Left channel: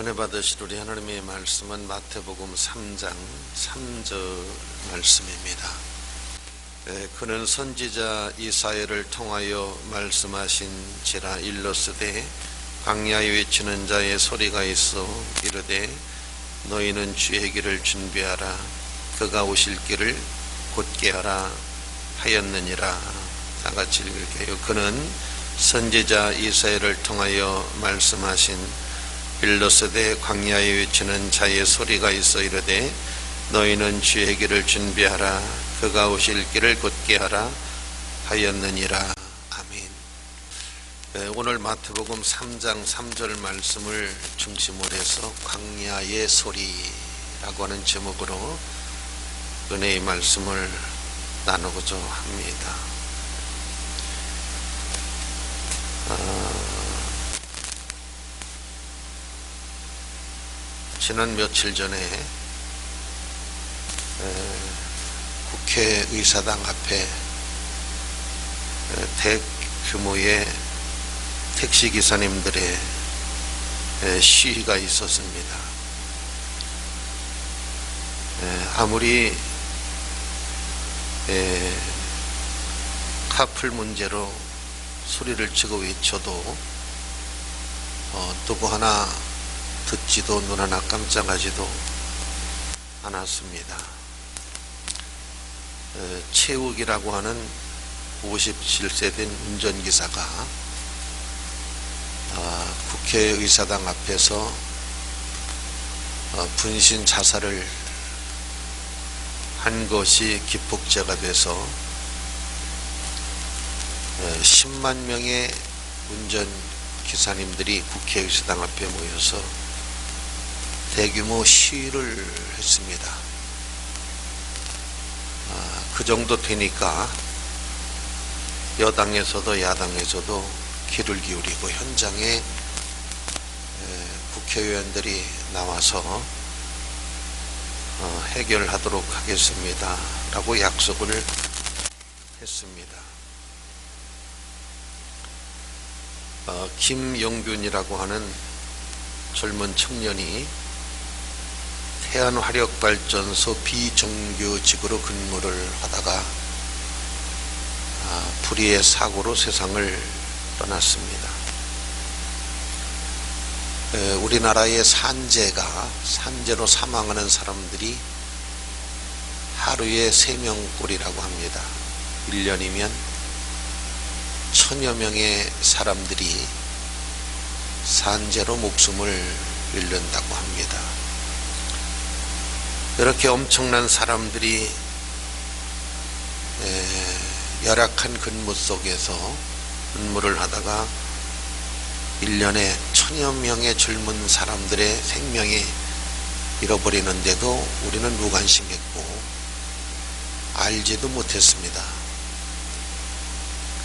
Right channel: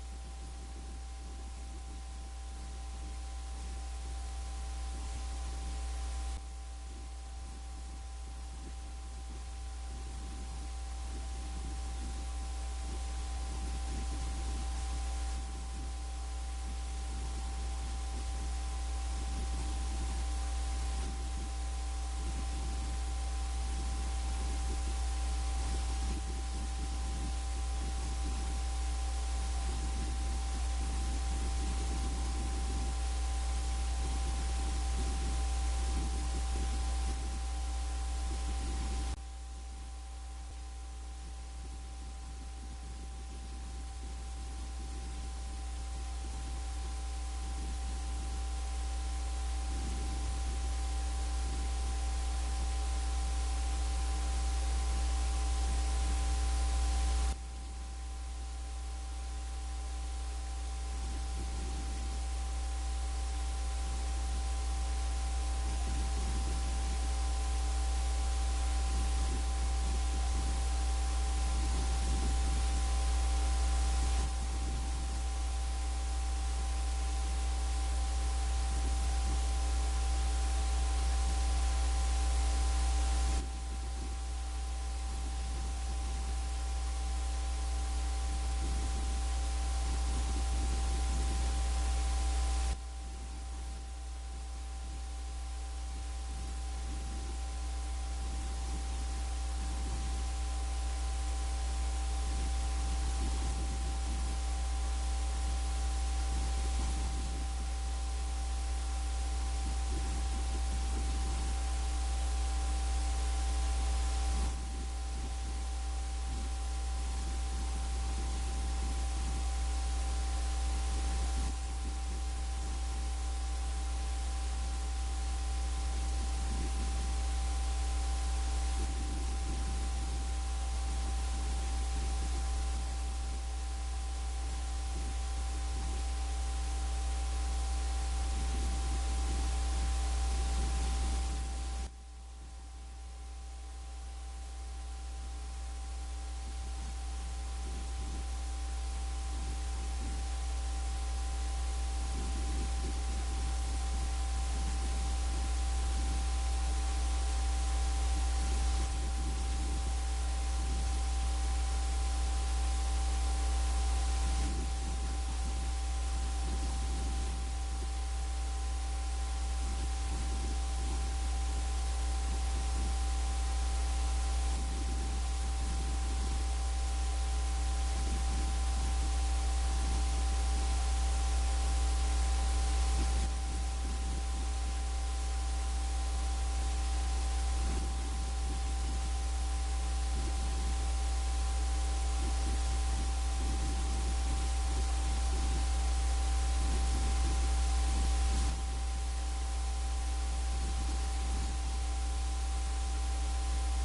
은혜 받으실 우리 하나님의 말씀은 마태복음 3장 3절 말씀입니다. 그는 선지자 이사야를 통하여 말씀하신지라 일렀으되 광야에 외치는 자의 소리가 있어 이르되 너희는 주의 길을 준비하라 그가 오실 길을 곧게 하라 하였느니라. 다같이 읽을게요. 그는 선지자 이사야를 통하여 말씀하신 일렀으되 광야에 외치는 자의 소리가 있어 이르되 너희는 주의 길을 준비하라 그가 오실 길을 곧게 하라 하였느니라. 아멘. 오늘 마태복음 3장 3절 말씀을 중심으로 해서 광야의 소리라고 하는 제목으로 은혜의 말씀을 나누고자 합니다. 지난 며칠 전에 국회의사당 앞에 대규모의 택시기사님들의 시위가 있었습니다. 아무리 카풀 문제로 소리를 치고 외쳐도 누구 하나 듣지도 눈 하나 깜짝하지도 않았습니다. 최욱이라고 하는 57세 된 운전기사가 국회의사당 앞에서 분신 자살을 한 것이 기폭제가 돼서 10만 명의 운전기사님들이 국회의사당 앞에 모여서 대규모 시위를 했습니다. 그 정도 되니까 여당에서도 야당에서도 귀를 기울이고 현장에 국회의원들이 나와서 해결하도록 하겠습니다 라고 약속을 했습니다. 김용균이라고 하는 젊은 청년이 태안화력발전소 비정규직으로 근무를 하다가 불의의 사고로 세상을 떠났습니다. 우리나라의 산재로 사망하는 사람들이 하루에 3명꼴이라고 합니다. 1년이면 1000여 명의 사람들이 산재로 목숨을 잃는다고 합니다. 이렇게 엄청난 사람들이 열악한 근무 속에서 근무를 하다가 1년에 1000여 명의 젊은 사람들의 생명이 잃어버리는데도 우리는 무관심했고 알지도 못했습니다.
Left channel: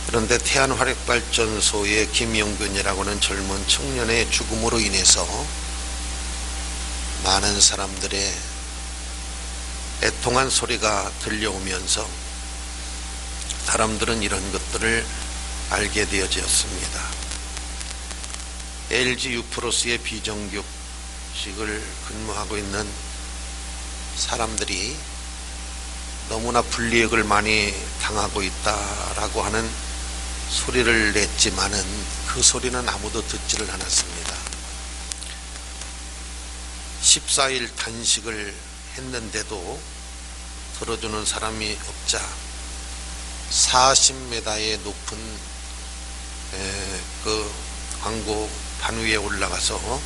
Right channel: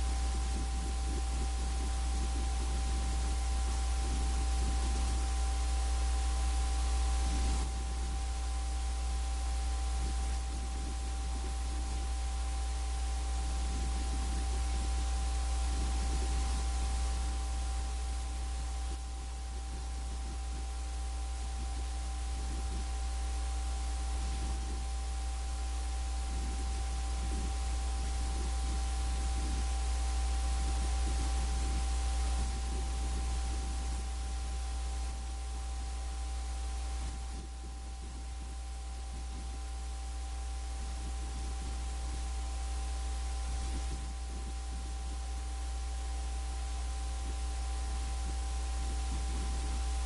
그런데 태안화력발전소의 김용균이라고 하는 젊은 청년의 죽음으로 인해서 많은 사람들의 애통한 소리가 들려오면서 사람들은 이런 것들을 알게 되어졌습니다. LG 유프로스의 비정규직을 근무하고 있는 사람들이 너무나 불이익을 많이 당하고 있다라고 하는 소리를 냈지만은 그 소리는 아무도 듣지를 않았습니다. 14일 단식을 했는데도 들어주는 사람이 없자 40m의 높은 그 광고 반 위에 올라가서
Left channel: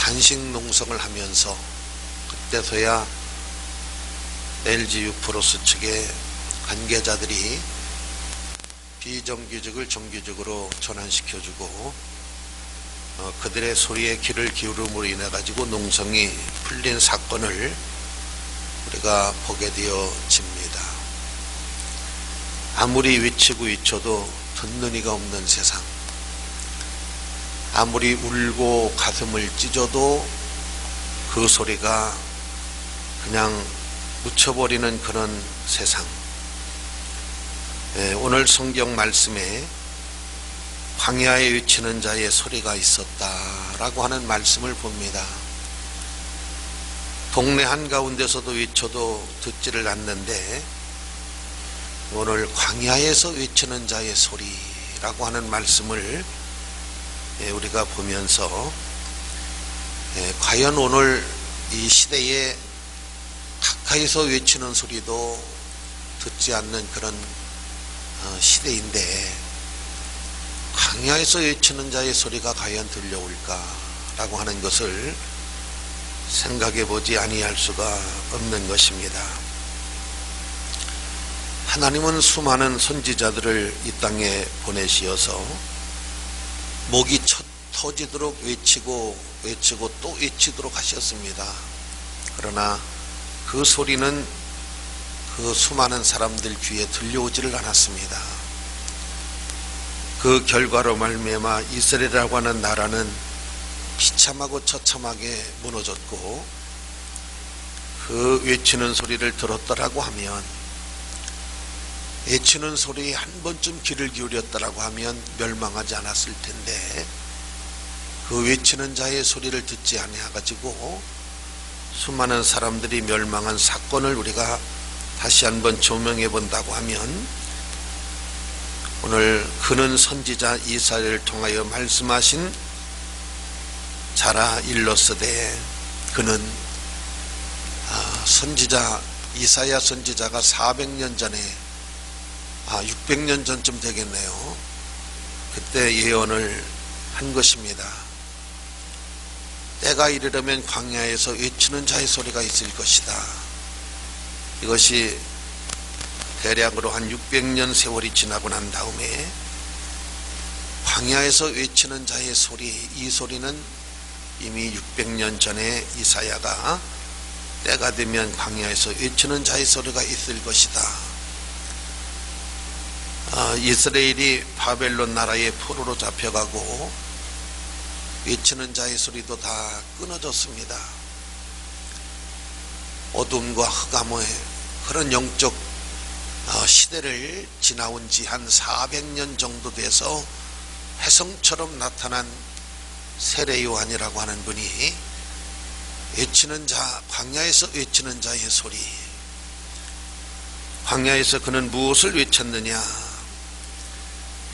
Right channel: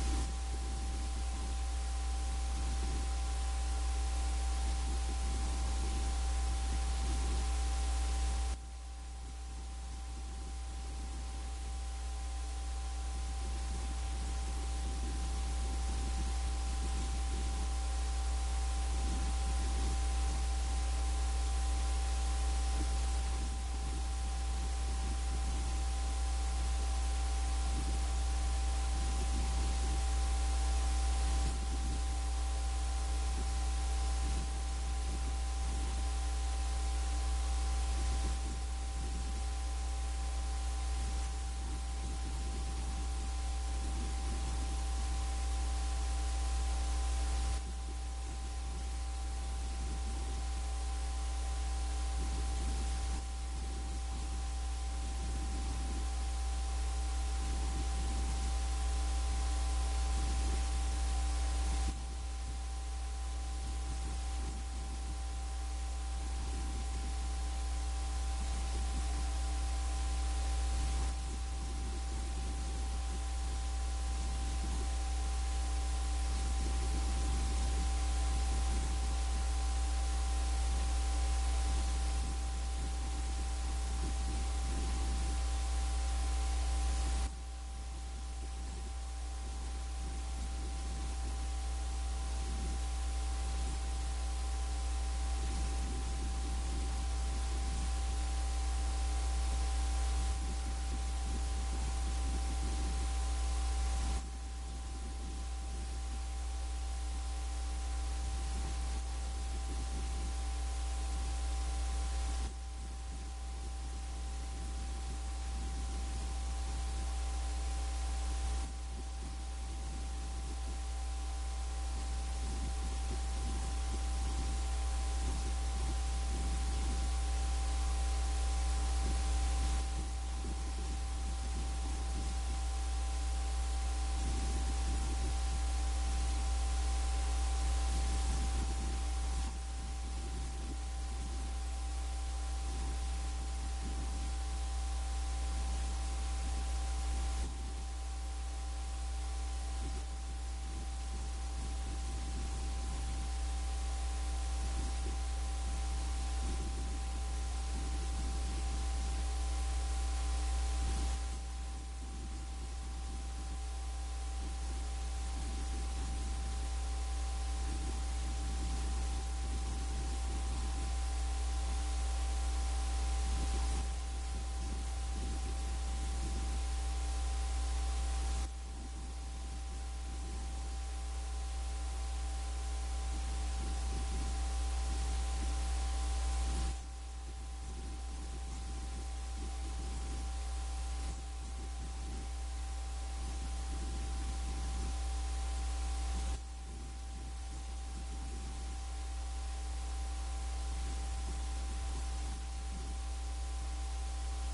단식 농성을 하면서 그때서야 LG 유프로스 측의 관계자들이 비정규직을 정규직으로 전환시켜주고 그들의 소리에 귀를 기울임으로 인해 가지고 농성이 풀린 사건을 우리가 보게 되어집니다. 아무리 외치고 외쳐도 듣는 이가 없는 세상, 아무리 울고 가슴을 찢어도 그 소리가 그냥 묻혀버리는 그런 세상. 오늘 성경 말씀에 광야에 외치는 자의 소리가 있었다라고 하는 말씀을 봅니다. 동네 한가운데서도 외쳐도 듣지를 않는데 오늘 광야에서 외치는 자의 소리라고 하는 말씀을 우리가 보면서 과연 오늘 이 시대에 가까이서 외치는 소리도 듣지 않는 그런 시대인데 광야에서 외치는 자의 소리가 과연 들려올까라고 하는 것을 생각해 보지 아니할 수가 없는 것입니다. 하나님은 수많은 선지자들을 이 땅에 보내시어서 목이 터지도록 외치고 또 외치도록 하셨습니다. 그러나 그 소리는 그 수많은 사람들 귀에 들려오지를 않았습니다. 그 결과로 말미암아 이스라엘이라고 하는 나라는 비참하고 처참하게 무너졌고, 그 외치는 소리를 들었더라고 하면, 외치는 소리에 한 번쯤 귀를 기울였더라고 하면 멸망하지 않았을 텐데, 그 외치는 자의 소리를 듣지 아니하가지고 수많은 사람들이 멸망한 사건을 우리가 다시 한번 조명해 본다고 하면, 오늘 그는 선지자 이사야를 통하여 말씀하신 자라 일렀으되, 그는 선지자 이사야 선지자가 400년 전에 600년 전쯤 되겠네요. 그때 예언을 한 것입니다. 때가 이르려면 광야에서 외치는 자의 소리가 있을 것이다. 이것이 대략으로 한 600년 세월이 지나고 난 다음에 광야에서 외치는 자의 소리, 이 소리는 이미 600년 전에 이사야가 때가 되면 광야에서 외치는 자의 소리가 있을 것이다. 이스라엘이 바벨론 나라의 포로로 잡혀가고 외치는 자의 소리도 다 끊어졌습니다. 어둠과 흑암의 그런 영적 시대를 지나온 지 한 400년 정도 돼서 혜성처럼 나타난 세례 요한이라고 하는 분이 외치는 자, 광야에서 외치는 자의 소리, 광야에서 그는 무엇을 외쳤느냐?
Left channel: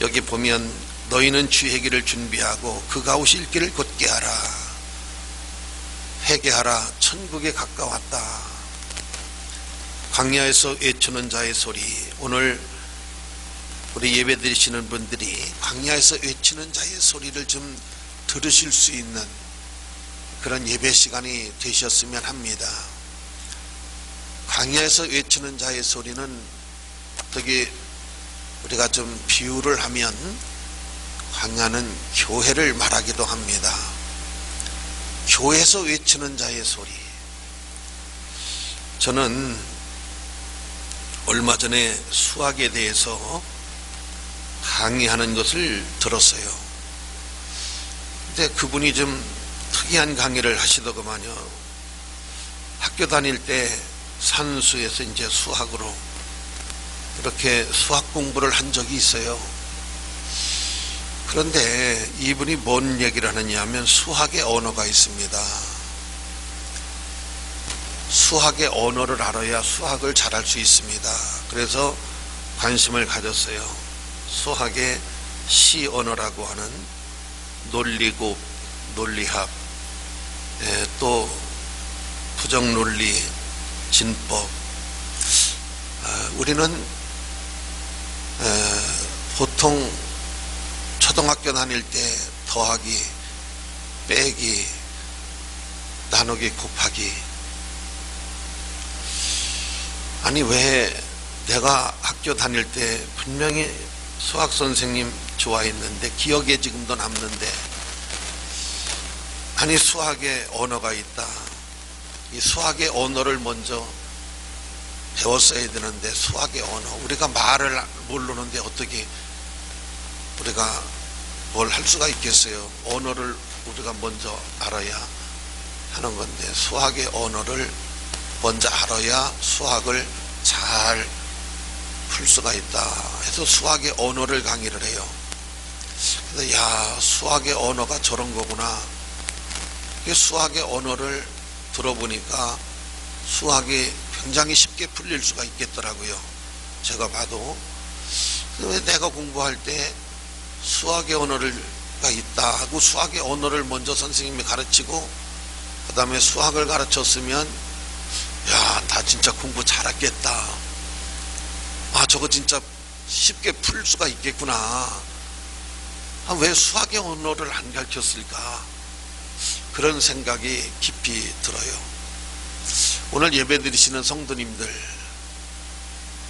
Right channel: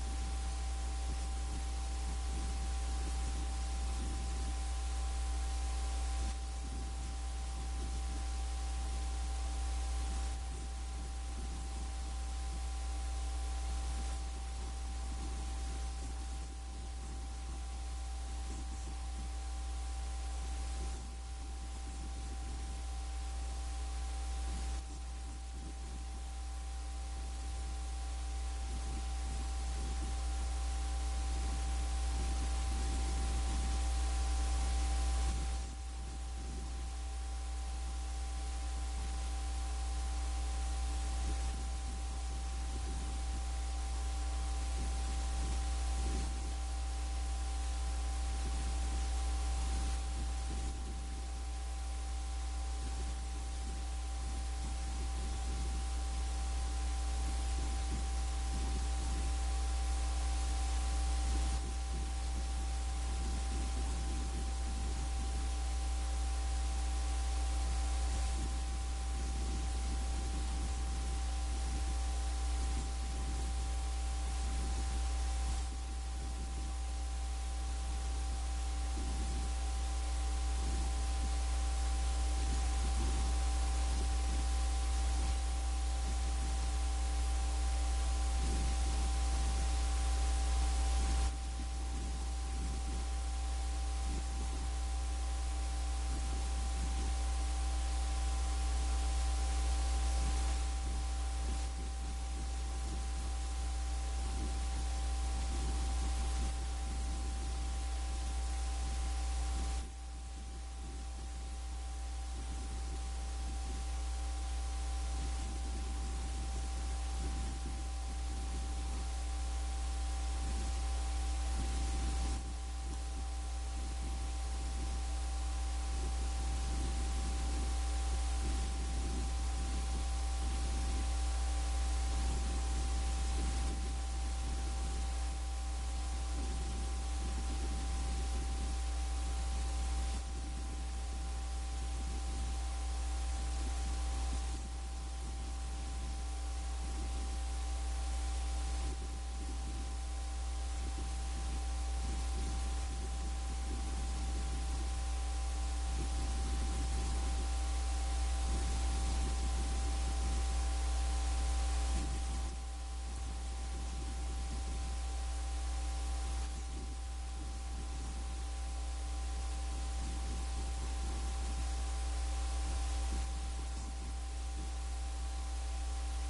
여기 보면 너희는 주의 길을 준비하고 그가 오실 길을 곧게 하라. 회개하라. 천국에 가까웠다. 광야에서 외치는 자의 소리. 오늘 우리 예배 드리시는 분들이 광야에서 외치는 자의 소리를 좀 들으실 수 있는 그런 예배 시간이 되셨으면 합니다. 광야에서 외치는 자의 소리는 어떻게 우리가 좀 비유를 하면 광야는 교회를 말하기도 합니다. 교회에서 외치는 자의 소리. 저는 얼마 전에 수학에 대해서 강의하는 것을 들었어요. 근데 그분이 좀 특이한 강의를 하시더구만요. 학교 다닐 때 산수에서 이제 수학으로 이렇게 수학 공부를 한 적이 있어요. 그런데 이분이 뭔 얘기를 하느냐 하면 수학의 언어가 있습니다. 수학의 언어를 알아야 수학을 잘할 수 있습니다. 그래서 관심을 가졌어요. 수학의 시 언어라고 하는 논리곱, 논리학, 또 부정논리, 진법. 우리는 보통 초등학교 다닐 때 더하기, 빼기, 나누기, 곱하기. 아니 왜 내가 학교 다닐 때 분명히 수학 선생님 좋아했는데 기억에 지금도 남는데, 아니 수학의 언어가 있다. 이 수학의 언어를 먼저 배웠어야 되는데 수학의 언어, 우리가 말을 모르는데 어떻게 우리가 뭘 할 수가 있겠어요. 언어를 우리가 먼저 알아야 하는 건데 수학의 언어를 먼저 알아야 수학을 잘 풀 수가 있다 해서 수학의 언어를 강의를 해요. 그래서 야, 수학의 언어가 저런 거구나. 수학의 언어를 들어보니까 수학이 굉장히 쉽게 풀릴 수가 있겠더라고요. 제가 봐도. 내가 공부할 때 수학의 언어가 있다 하고 수학의 언어를 먼저 선생님이 가르치고 그 다음에 수학을 가르쳤으면 야, 나 진짜 공부 잘했겠다. 아, 저거 진짜 쉽게 풀 수가 있겠구나. 아, 왜 수학의 언어를 안 가르쳤을까? 그런 생각이 깊이 들어요. 오늘 예배 드리시는 성도님들,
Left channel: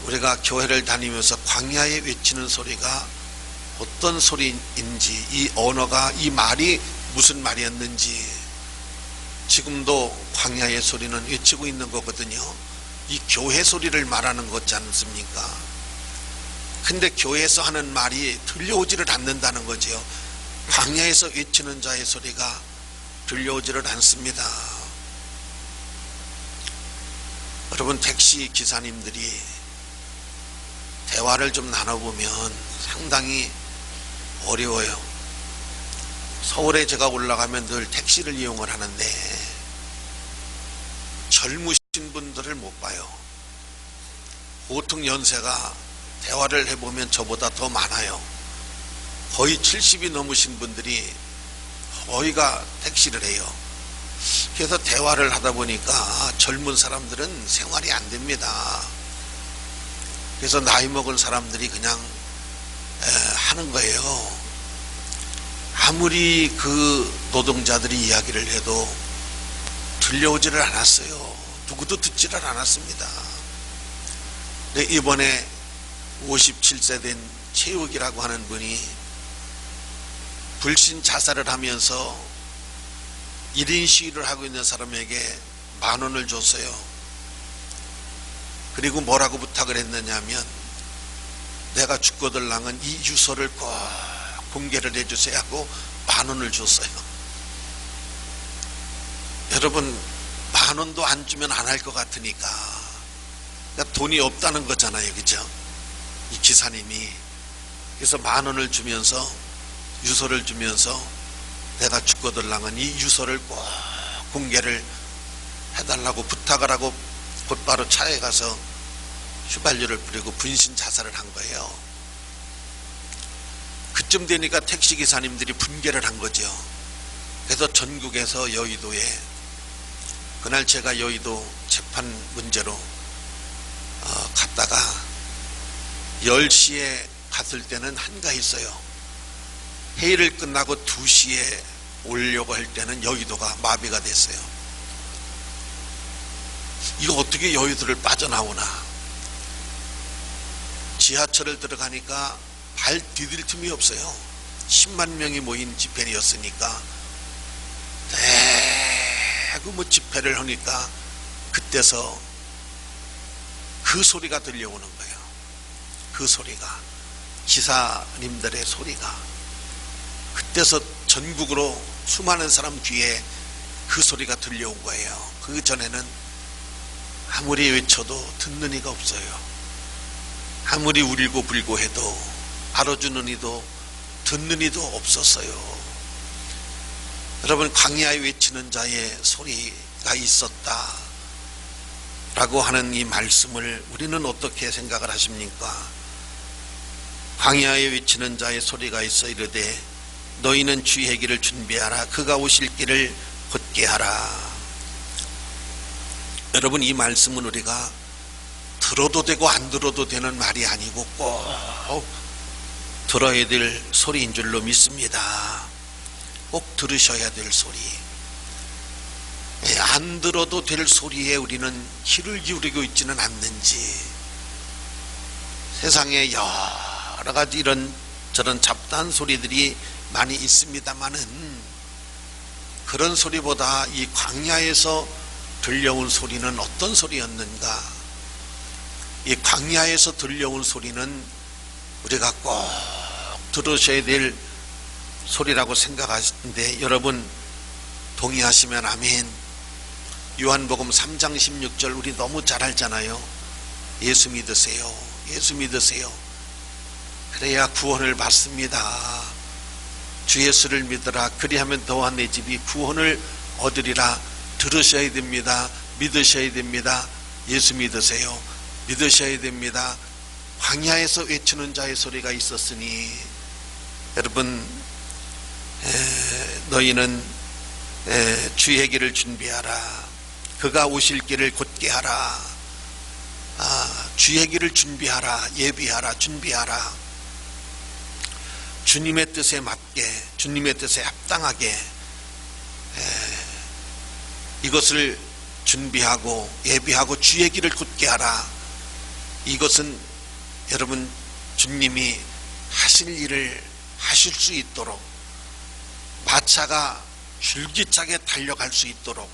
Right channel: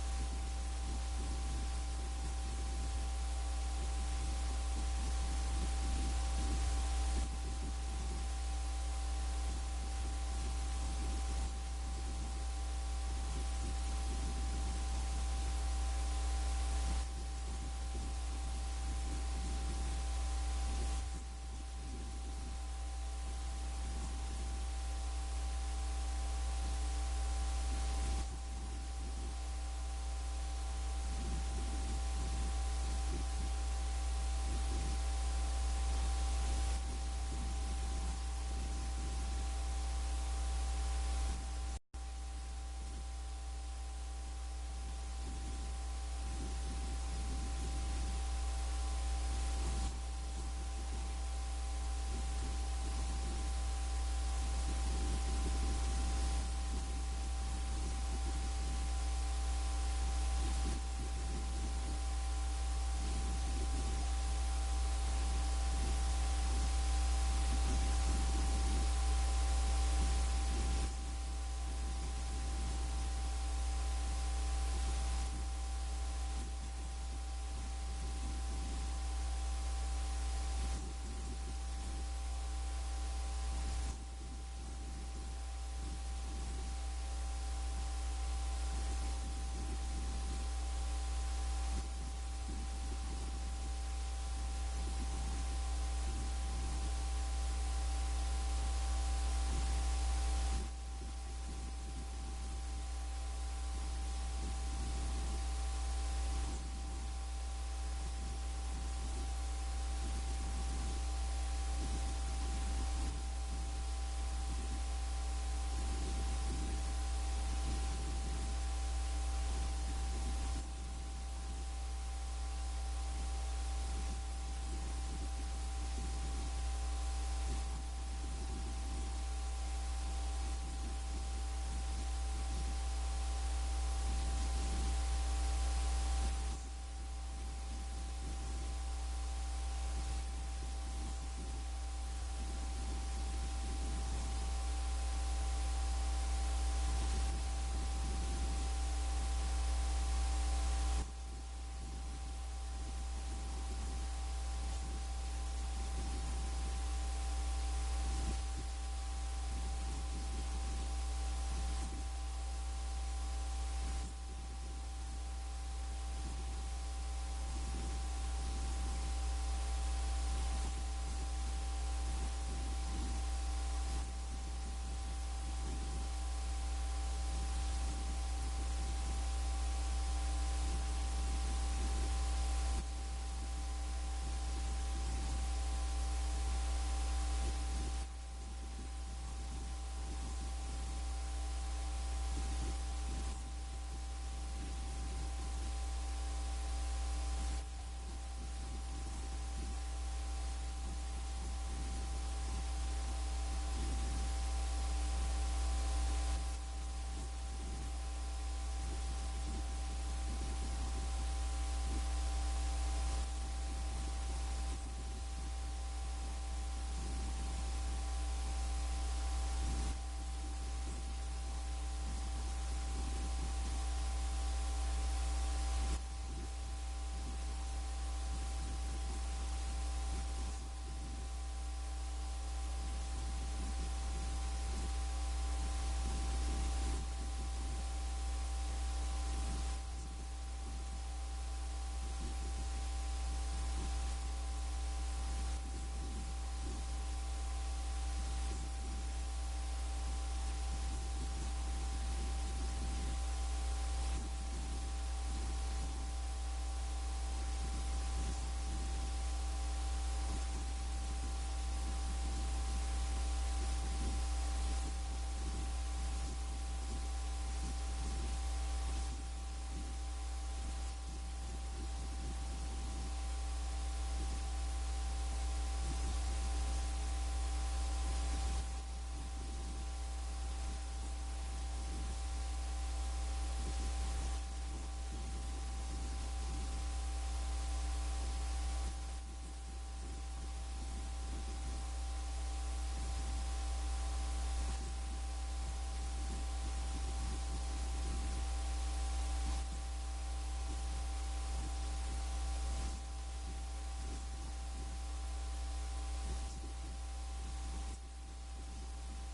우리가 교회를 다니면서 광야에 외치는 소리가 어떤 소리인지, 이 언어가, 이 말이 무슨 말이었는지 지금도 광야의 소리는 외치고 있는 거거든요. 이 교회 소리를 말하는 거지 않습니까? 근데 교회에서 하는 말이 들려오지를 않는다는 거죠. 광야에서 외치는 자의 소리가 들려오지를 않습니다. 여러분, 택시 기사님들이 대화를 좀 나눠보면 상당히 어려워요. 서울에 제가 올라가면 늘 택시를 이용을 하는데 젊으신 분들을 못 봐요. 보통 연세가 대화를 해보면 저보다 더 많아요. 거의 70이 넘으신 분들이 거의가 택시를 해요. 그래서 대화를 하다 보니까 젊은 사람들은 생활이 안 됩니다. 그래서 나이 먹은 사람들이 그냥 하는 거예요. 아무리 그 노동자들이 이야기를 해도 들려오지를 않았어요. 누구도 듣지를 않았습니다. 근데 이번에 57세 된 최욱이라고 하는 분이 불신 자살을 하면서 1인 시위를 하고 있는 사람에게 10,000원을 줬어요. 그리고 뭐라고 부탁을 했느냐면, 내가 죽거들랑은 이 유서를 꼭 공개를 해주세요 하고 10,000원을 줬어요. 여러분, 10,000원도 안 주면 안 할 것 같으니까, 그러니까 돈이 없다는 거잖아요, 그죠? 이 기사님이. 그래서 10,000원을 주면서, 유서를 주면서, 내가 죽거들랑은 이 유서를 꼭 공개를 해달라고 부탁을 하고 곧바로 차에 가서 휘발유를 뿌리고 분신 자살을 한 거예요. 그쯤 되니까 택시기사님들이 분개를 한 거죠. 그래서 전국에서 여의도에, 그날 제가 여의도 재판 문제로 갔다가 10시에 갔을 때는 한가했어요. 회의를 끝나고 2시에 오려고 할 때는 여의도가 마비가 됐어요. 이거 어떻게 여의도를 빠져나오나. 지하철을 들어가니까 발 디딜 틈이 없어요. 10만 명이 모인 집회였으니까. 대구 뭐 집회를 하니까 그때서 그 소리가 들려오는 거예요. 그 소리가, 기사님들의 소리가. 그때서 전국으로 수많은 사람 귀에 그 소리가 들려온 거예요. 그 전에는 아무리 외쳐도 듣는 이가 없어요. 아무리 울고 불고 해도 알아주는 이도 듣는 이도 없었어요. 여러분, 광야에 외치는 자의 소리가 있었다 라고 하는 이 말씀을 우리는 어떻게 생각을 하십니까? 광야에 외치는 자의 소리가 있어 이르되 너희는 주의 길을 준비하라. 그가 오실 길을 곧게 하라. 여러분, 이 말씀은 우리가 들어도 되고 안 들어도 되는 말이 아니고 꼭 들어야 될 소리인 줄로 믿습니다. 꼭 들으셔야 될 소리. 안 들어도 될 소리에 우리는 귀를 기울이고 있지는 않는지. 세상에 여러 가지 이런 저런 잡다한 소리들이 많이 있습니다만은, 그런 소리보다 이 광야에서 들려온 소리는 어떤 소리였는가? 이 광야에서 들려온 소리는 우리가 꼭 들으셔야 될 소리라고 생각하시는데, 여러분 동의하시면 아멘. 요한복음 3장 16절 우리 너무 잘 알잖아요. 예수 믿으세요. 예수 믿으세요. 그래야 구원을 받습니다. 주 예수를 믿어라. 그리하면 너와 내 집이 구원을 얻으리라. 들으셔야 됩니다. 믿으셔야 됩니다. 예수 믿으세요. 믿으셔야 됩니다. 광야에서 외치는 자의 소리가 있었으니 여러분, 너희는 주의 길을 준비하라. 그가 오실 길을 곧게 하라. 주의 길을 준비하라. 예비하라. 준비하라. 주님의 뜻에 맞게, 주님의 뜻에 합당하게 이것을 준비하고 예비하고 주의 길을 곧게 하라. 이것은 여러분, 주님이 하실 일을 하실 수 있도록, 마차가 줄기차게 달려갈 수 있도록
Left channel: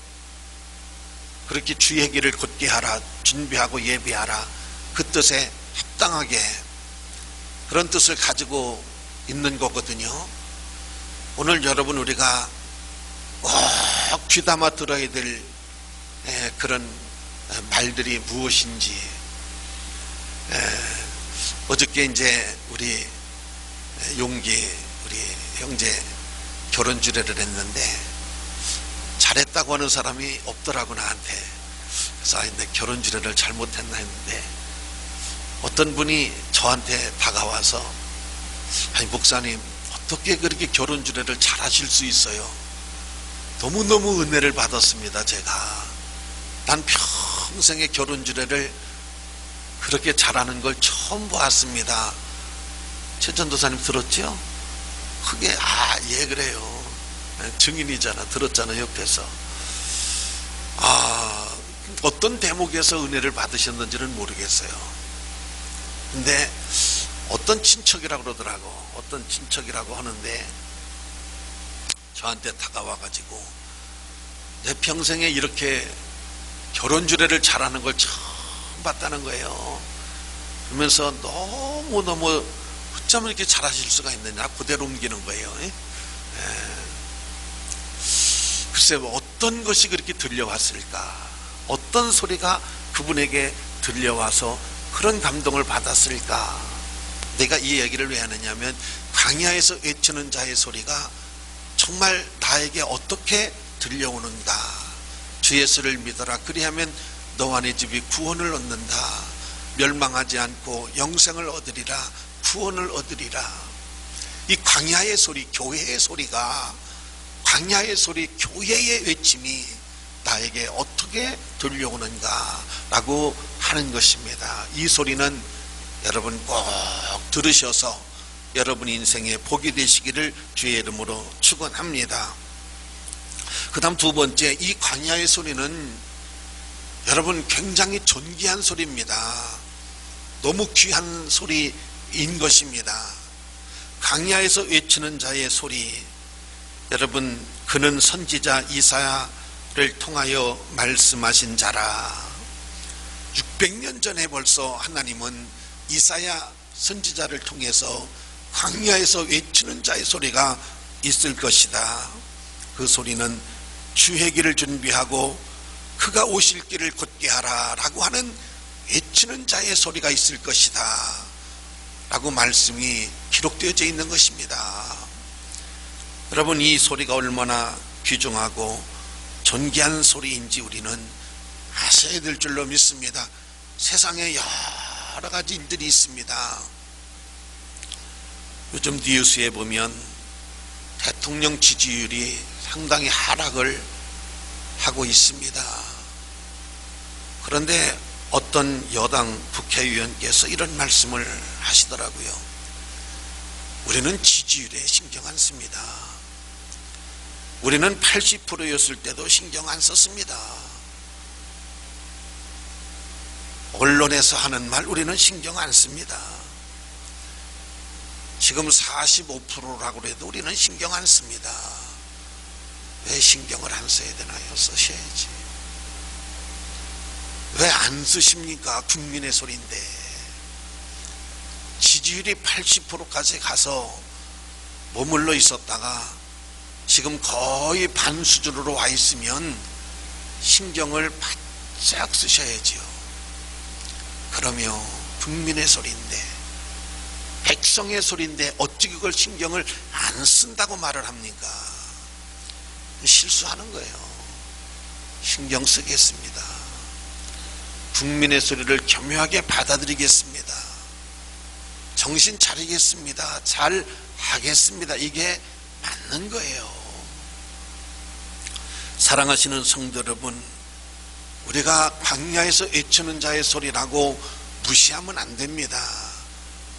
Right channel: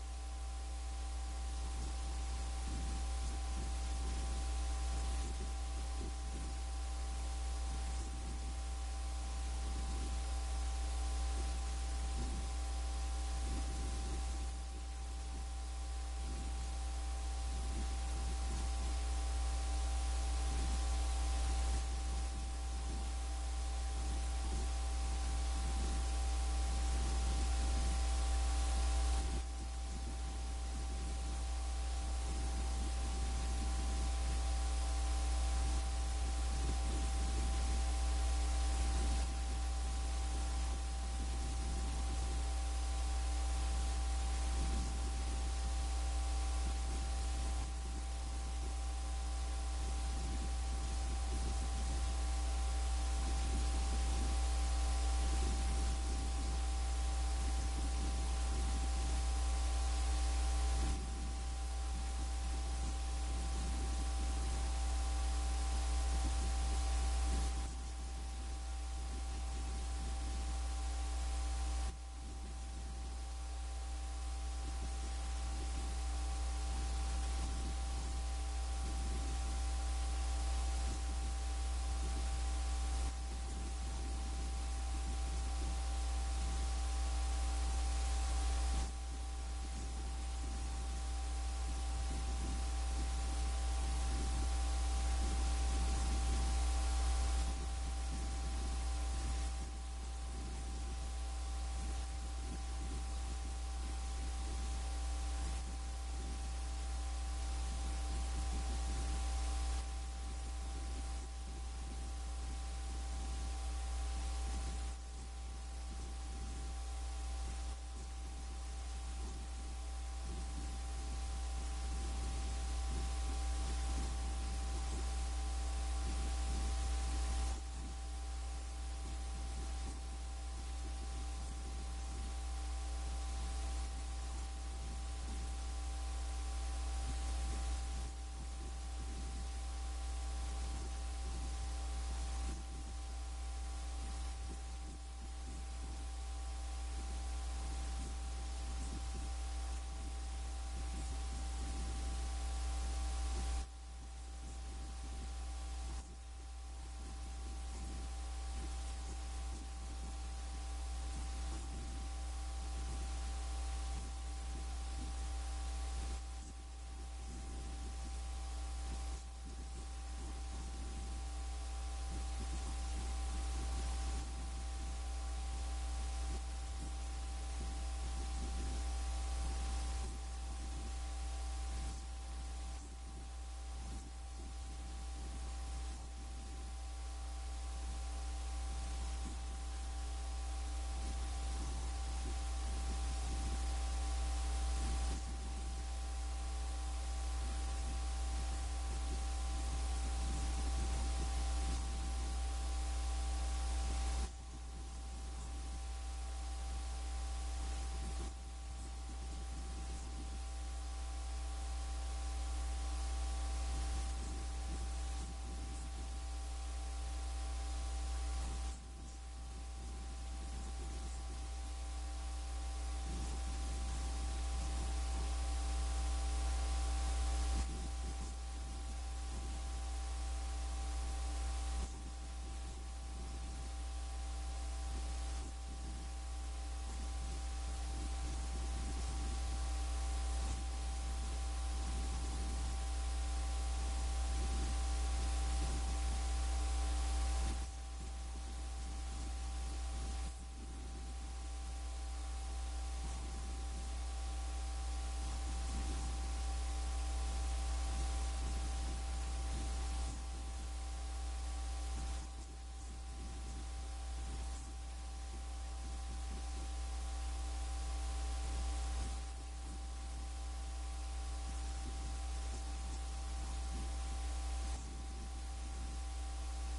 그렇게 주의 길을 곧게 하라. 준비하고 예비하라. 그 뜻에 합당하게, 그런 뜻을 가지고 있는 거거든요. 오늘 여러분, 우리가 꼭 귀담아 들어야 될 그런 말들이 무엇인지, 어저께 이제 우리 용기 우리 형제 결혼 주례를 했는데 잘했다고 하는 사람이 없더라고 나한테. 그래서 내 결혼 주례를 잘못했나 했는데 어떤 분이 저한테 다가와서, 아니 목사님, 어떻게 그렇게 결혼 주례를 잘 하실 수 있어요? 너무너무 은혜를 받았습니다. 제가 난 평생의 결혼 주례를 그렇게 잘하는 걸 처음 보았습니다. 최전도사님 들었죠? 그게 예 그래요. 증인이잖아. 들었잖아 옆에서. 어떤 대목에서 은혜를 받으셨는지는 모르겠어요. 근데 어떤 친척이라고 그러더라고. 어떤 친척이라고 하는데 저한테 다가와가지고 내 평생에 이렇게 결혼 주례를 잘하는 걸 처음 봤다는 거예요. 그러면서 너무너무 어쩌면 이렇게 잘하실 수가 있느냐, 그대로 옮기는 거예요. 글쎄, 어떤 것이 그렇게 들려왔을까? 어떤 소리가 그분에게 들려와서 그런 감동을 받았을까? 내가 이 얘기를 왜 하느냐면, 광야에서 외치는 자의 소리가 정말 나에게 어떻게 들려오는가? 주 예수를 믿어라. 그리하면 너와 내 집이 구원을 얻는다. 멸망하지 않고 영생을 얻으리라. 구원을 얻으리라. 이 광야의 소리, 교회의 소리가, 광야의 소리, 교회의 외침이 나에게 어떻게 들려오는가 라고 하는 것입니다. 이 소리는 여러분 꼭 들으셔서 여러분 인생에 복이 되시기를 주의 이름으로 축원합니다. 그 다음 두 번째, 이 광야의 소리는 여러분 굉장히 존귀한 소리입니다. 너무 귀한 소리인 것입니다. 광야에서 외치는 자의 소리, 여러분, 그는 선지자 이사야를 통하여 말씀하신 자라. 600년 전에 벌써 하나님은 이사야 선지자를 통해서 광야에서 외치는 자의 소리가 있을 것이다. 그 소리는 주의 길을 준비하고 그가 오실 길을 곧게 하라 라고 하는 외치는 자의 소리가 있을 것이다 라고 말씀이 기록되어져 있는 것입니다. 여러분, 이 소리가 얼마나 귀중하고 존귀한 소리인지 우리는 아셔야 될 줄로 믿습니다. 세상에 여러 가지 일들이 있습니다. 요즘 뉴스에 보면 대통령 지지율이 상당히 하락을 하고 있습니다. 그런데 어떤 여당 국회의원께서 이런 말씀을 하시더라고요. 우리는 지지율에 신경 안 씁니다. 우리는 80%였을 때도 신경 안 썼습니다. 언론에서 하는 말 우리는 신경 안 씁니다. 지금 45%라고 해도 우리는 신경 안 씁니다. 왜 신경을 안 써야 되나요? 쓰셔야지. 왜 안 쓰십니까? 국민의 소리인데. 지지율이 80%까지 가서 머물러 있었다가 지금 거의 반 수준으로 와 있으면 신경을 바짝 쓰셔야지요. 그러며 국민의 소리인데 백성의 소리인데 어찌 그걸 신경을 안 쓴다고 말을 합니까? 실수하는 거예요. 신경 쓰겠습니다. 국민의 소리를 겸허하게 받아들이겠습니다. 정신 차리겠습니다. 잘 하겠습니다. 이게 맞는 거예요. 사랑하시는 성도 여러분, 우리가 광야에서 외치는 자의 소리라고 무시하면 안 됩니다.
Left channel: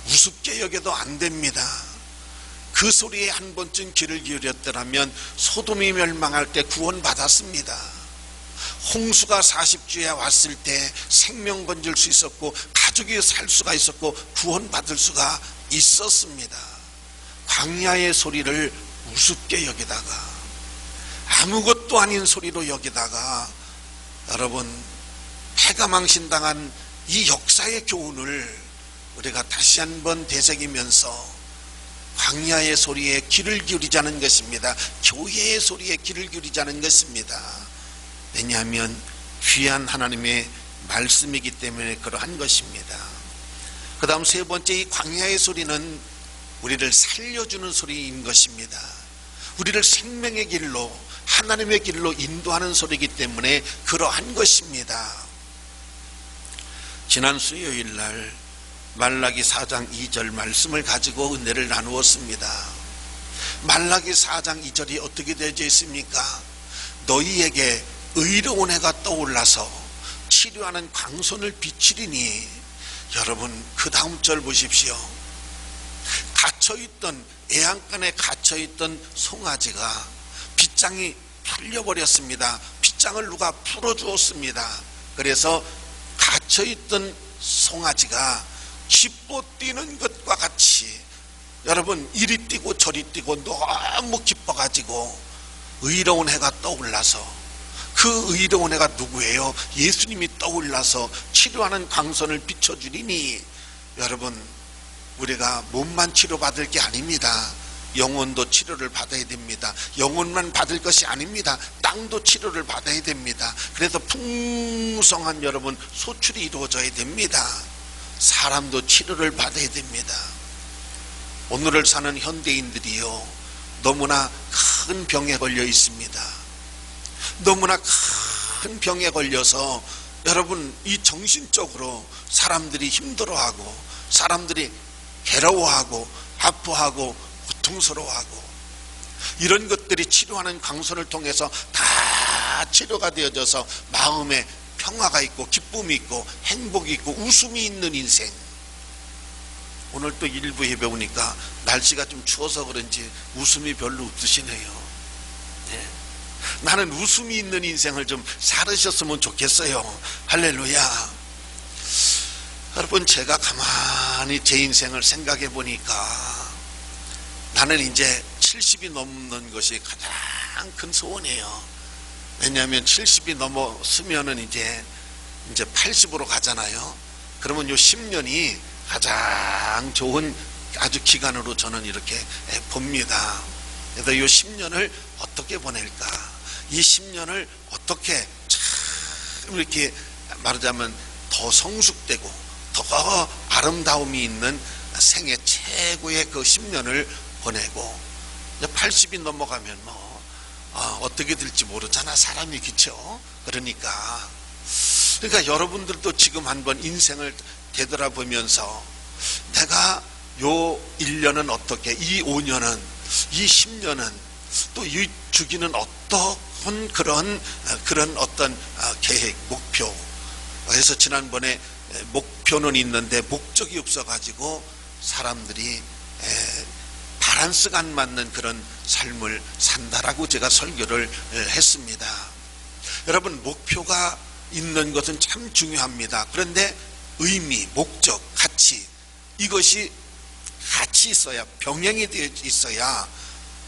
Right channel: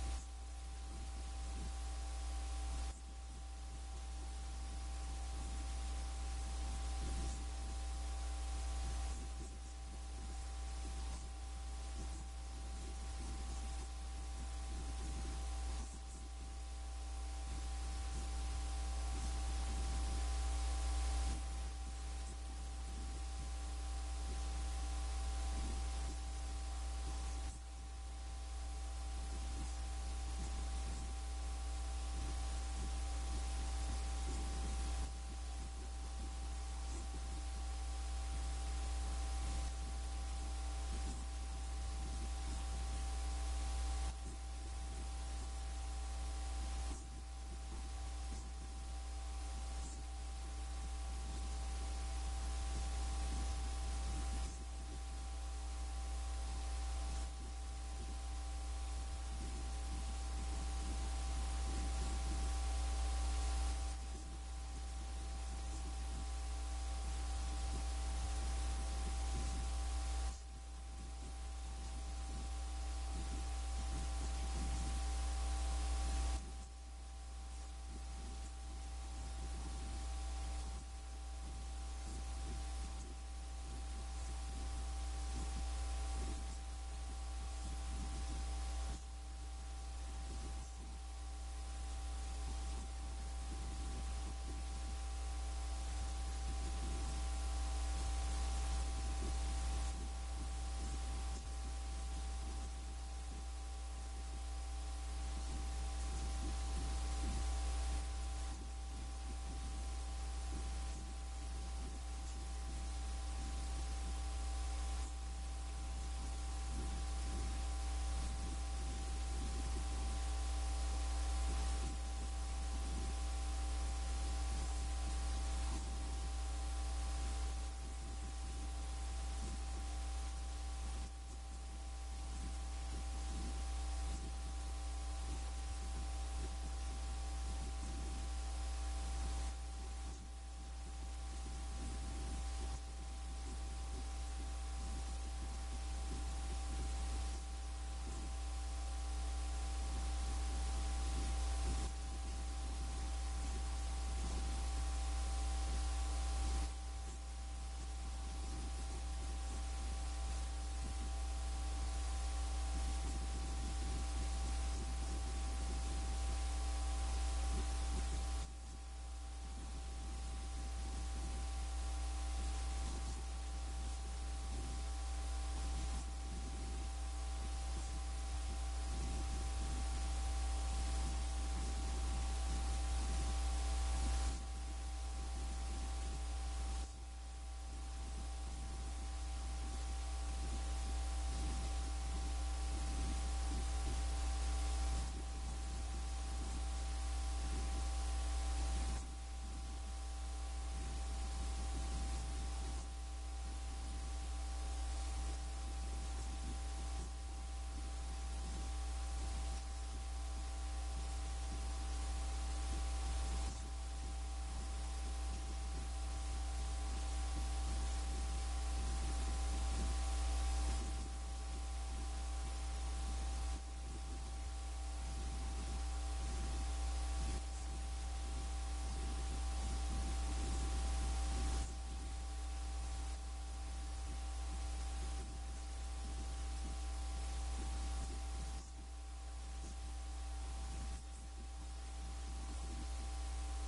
우습게 여겨도 안 됩니다. 그 소리에 한 번쯤 귀를 기울였더라면 소돔이 멸망할 때 구원받았습니다. 홍수가 40주에 왔을 때 생명 건질 수 있었고 가족이 살 수가 있었고 구원받을 수가 있었습니다. 광야의 소리를 우습게 여기다가 아무것도 아닌 소리로 여기다가 여러분 패가망신당한 이 역사의 교훈을 우리가 다시 한번 되새기면서 광야의 소리에 귀를 기울이자는 것입니다. 교회의 소리에 귀를 기울이자는 것입니다. 왜냐하면 귀한 하나님의 말씀이기 때문에 그러한 것입니다. 그 다음 세 번째, 이 광야의 소리는 우리를 살려주는 소리인 것입니다. 우리를 생명의 길로, 하나님의 길로 인도하는 소리이기 때문에 그러한 것입니다. 지난 수요일 날 말라기 4장 2절 말씀을 가지고 은혜를 나누었습니다. 말라기 4장 2절이 어떻게 되어져 있습니까? 너희에게 의로운 해가 떠올라서 치료하는 광선을 비추리니. 여러분 그 다음 절 보십시오. 갇혀있던, 애양간에 갇혀있던 송아지가 빗장이 풀려버렸습니다. 빗장을 누가 풀어주었습니다. 그래서 갇혀있던 송아지가 기뻐 뛰는 것과 같이 여러분 이리 뛰고 저리 뛰고 너무 기뻐가지고 의로운 해가 떠올라서, 그 의로운 해가 누구예요? 예수님이 떠올라서 치료하는 광선을 비춰주리니. 여러분 우리가 몸만 치료받을 게 아닙니다. 영혼도 치료를 받아야 됩니다. 영혼만 받을 것이 아닙니다. 땅도 치료를 받아야 됩니다. 그래서 풍성한 여러분 소출이 이루어져야 됩니다. 사람도 치료를 받아야 됩니다. 오늘을 사는 현대인들이요, 너무나 큰 병에 걸려 있습니다. 너무나 큰 병에 걸려서 여러분 이 정신적으로 사람들이 힘들어하고, 사람들이 괴로워하고 아파하고 고통스러워하고, 이런 것들이 치료하는 광선을 통해서 다 치료가 되어져서 마음에 평화가 있고 기쁨이 있고 행복이 있고 웃음이 있는 인생. 오늘 또 일부 예배 오니까 날씨가 좀 추워서 그런지 웃음이 별로 없으시네요. 네. 나는 웃음이 있는 인생을 좀 살으셨으면 좋겠어요. 할렐루야. 여러분 제가 가만히 제 인생을 생각해 보니까 나는 이제 70이 넘는 것이 가장 큰 소원이에요. 왜냐하면 70이 넘었으면은 이제 80으로 가잖아요. 그러면 요 10년이 가장 좋은 아주 기간으로 저는 이렇게 봅니다. 그래서 요 10년을 어떻게 보낼까? 이 10년을 어떻게 참 이렇게 말하자면 더 성숙되고 더 아름다움이 있는 생애 최고의 그 10년을 보내고, 이제 80이 넘어가면 어떻게 될지 모르잖아, 사람이. 그쵸? 그러니까 여러분들도 지금 한번 인생을 되돌아보면서 내가 요 1년은 어떻게, 이 5년은, 이 10년은, 또 이 주기는 어떤 그런 어떤 계획, 목표. 그래서 지난번에 목표는 있는데 목적이 없어가지고 사람들이 밸런스가 안 맞는 그런 삶을 산다라고 제가 설교를 했습니다. 여러분 목표가 있는 것은 참 중요합니다. 그런데 의미, 목적, 가치, 이것이 같이 있어야, 병행이 되어 있어야,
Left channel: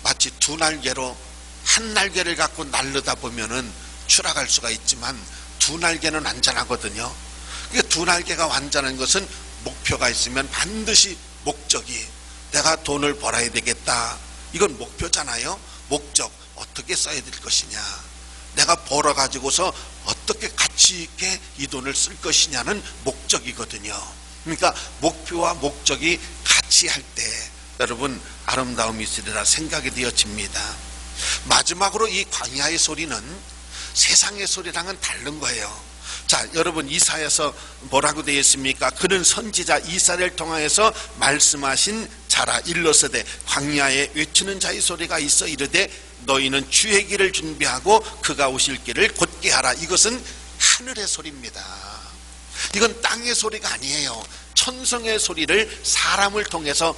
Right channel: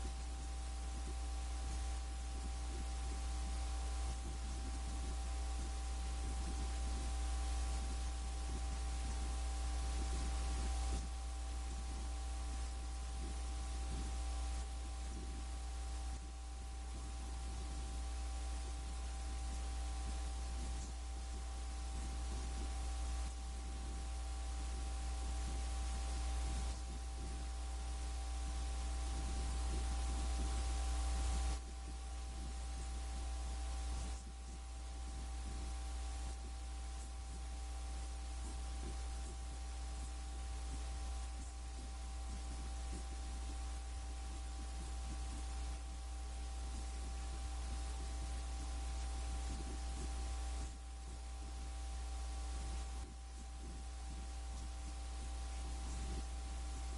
마치 두 날개로 한 날개를 갖고 날르다 보면은 추락할 수가 있지만 두 날개는 안전하거든요. 그러니까 두 날개가 완전한 것은 목표가 있으면 반드시 목적이, 내가 돈을 벌어야 되겠다, 이건 목표잖아요. 목적, 어떻게 써야 될 것이냐, 내가 벌어가지고서 어떻게 가치 있게 이 돈을 쓸 것이냐는 목적이거든요. 그러니까 목표와 목적이 같이 같이 할 때 여러분 아름다움이 있으리라 생각이 되어집니다. 마지막으로 이 광야의 소리는 세상의 소리랑은 다른 거예요. 자, 여러분 이사야서 뭐라고 되어 있습니까? 그는 선지자 이사야를 통하여서 말씀하신 자라. 일러서되 광야에 외치는 자의 소리가 있어 이르되 너희는 주의 길을 준비하고 그가 오실 길을 곧게 하라. 이것은 하늘의 소리입니다. 이건 땅의 소리가 아니에요. 천성의 소리를 사람을 통해서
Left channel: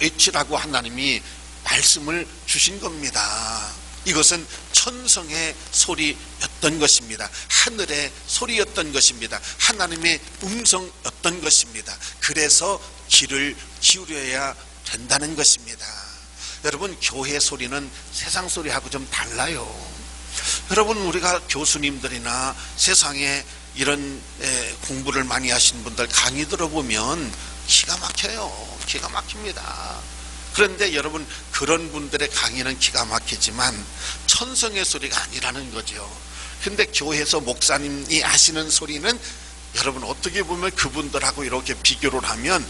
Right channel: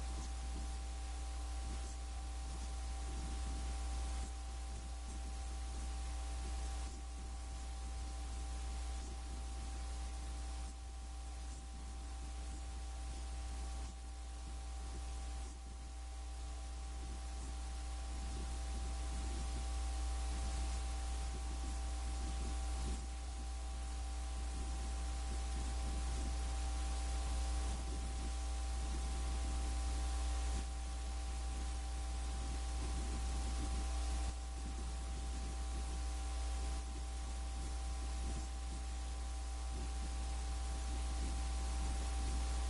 외치라고 하나님이 말씀을 주신 겁니다. 이것은 천성의 소리였던 것입니다. 하늘의 소리였던 것입니다. 하나님의 음성이었던 것입니다. 그래서 귀를 기울여야 된다는 것입니다. 여러분 교회 소리는 세상 소리하고 좀 달라요. 여러분 우리가 교수님들이나 세상에 이런 공부를 많이 하신 분들 강의 들어보면 기가 막혀요. 기가 막힙니다. 그런데 여러분 그런 분들의 강의는 기가 막히지만 천성의 소리가 아니라는 거죠. 근데 교회에서 목사님이 하시는 소리는 여러분 어떻게 보면 그분들하고 이렇게 비교를 하면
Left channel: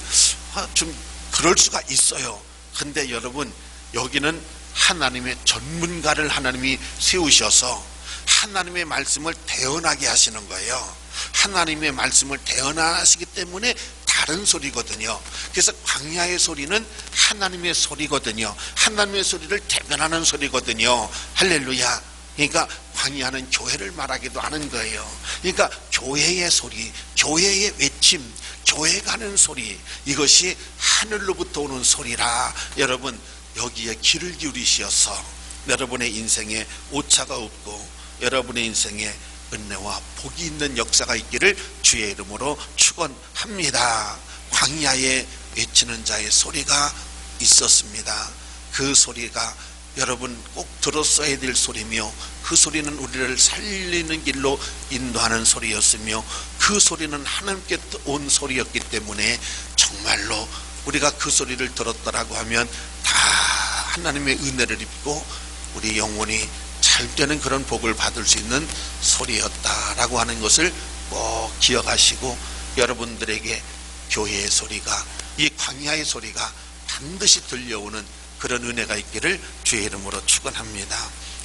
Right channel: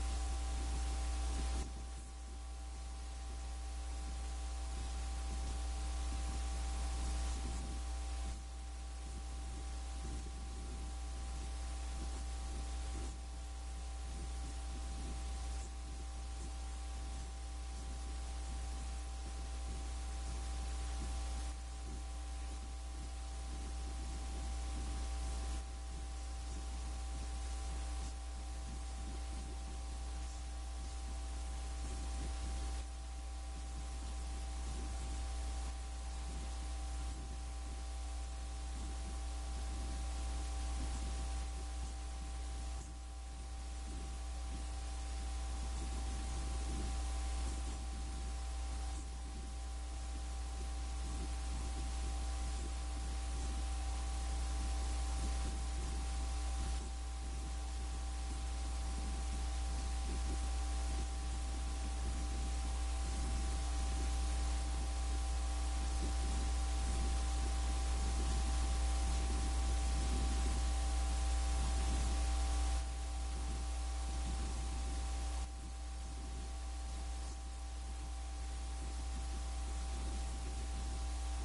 좀 그럴 수가 있어요. 근데 여러분 여기는 하나님의 전문가를 하나님이 세우셔서 하나님의 말씀을 대언하게 하시는 거예요. 하나님의 말씀을 대언하시기 때문에 다른 소리거든요. 그래서 광야의 소리는 하나님의 소리거든요. 하나님의 소리를 대변하는 소리거든요. 할렐루야. 그러니까 광야는 교회를 말하기도 하는 거예요. 그러니까 교회의 소리, 교회의 외침, 교회가 하는 소리, 이것이 하늘로부터 오는 소리라. 여러분 여기에 귀를 기울이셔서 여러분의 인생에 오차가 없고 여러분의 인생에 은혜와 복이 있는 역사가 있기를 주의 이름으로 축원합니다. 광야에 외치는 자의 소리가 있었습니다. 그 소리가 여러분 꼭 들었어야 될 소리며 그 소리는 우리를 살리는 길로 인도하는 소리였으며 그 소리는 하나님께 온 소리였기 때문에 정말로 우리가 그 소리를 들었더라고 하면 다 하나님의 은혜를 입고 우리 영혼이 잘 되는 그런 복을 받을 수 있는 소리였다라고 하는 것을 꼭 기억하시고 여러분들에게 교회의 소리가 이 광야의 소리가 반드시 들려오는 그런 은혜가 있기를 주의 이름으로 축원합니다.